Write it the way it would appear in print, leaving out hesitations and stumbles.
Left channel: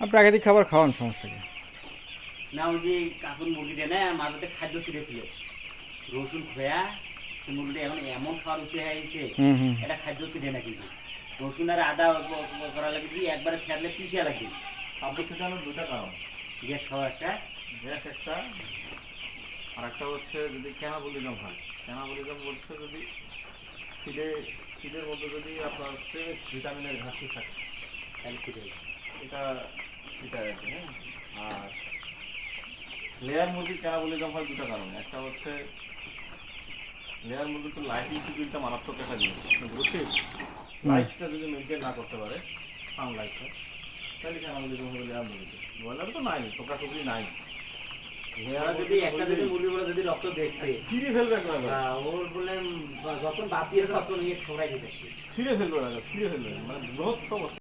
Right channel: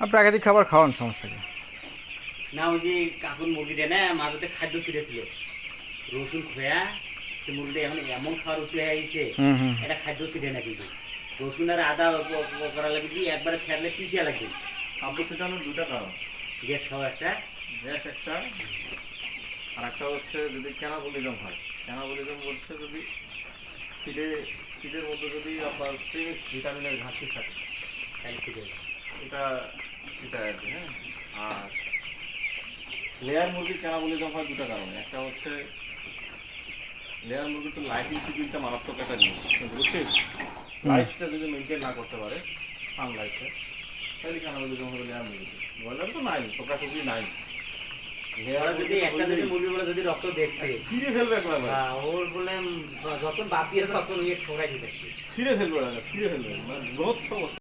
আর প্রাকৃতিক খাবার খাওয়ান, সমস্যা কি? না ওই যে কাকুর মুরগিটা না মাঝে খাদ্য ছিঁড়েছিল, রসুন খোয়া সে মুরগিটা এখন এমন খাওয়ার রুচি হয়ে গেছে, এটা খাদ্য ছিঁড়ে না কিন্তু রসুন আর আদা করা লাগে কি একবারে খেলে পিছিয়ে লাগবে। খাদ্য ছিটানোর দুটা কারণ, গ্যাস খাওয়া একটা, গ্যাস একটা, আর একটা হচ্ছে যদি ক্যানাবলিজম হয়। ক্যানাবলিজম বলছে যদি ফিডের মধ্যে যদি আপনার প্রেমিক্স ভিটামিনের ঘাটতি থাকে তাহলে ছিঁড়ে যায়। এটা সেটাই আর কি। হ্যাঁ, আর লেয়ার মুরগির ক্যানাবলিজম হয় দুটা কারণে। একটা হচ্ছে লেয়ার মুরগির তো লাইটিং শিডিউলটা মারাত্মক একটা জিনিস, বুঝছিস? লাইটটা যদি মেনটেন না করতে পারে, সানলাইটটা, তাহলে ক্যানাবলিজম হবে লেয়ার মুরগিতে। ব্রয়লার তো নাই, টোকাটুকি নাই। ওরা যদি একটা যদি মুরগি বলে যদি রক্ত দেখছে ছিঁড়ে ফেলবে একবার, ওর বলে যখন বাঁচিয়েছে তখন ইয়ে ঠোকাই দিতে ছিঁড়ে ফেলবে, ছিঁড়ে ফেলবে, মানে বৃহৎ সমস্যা।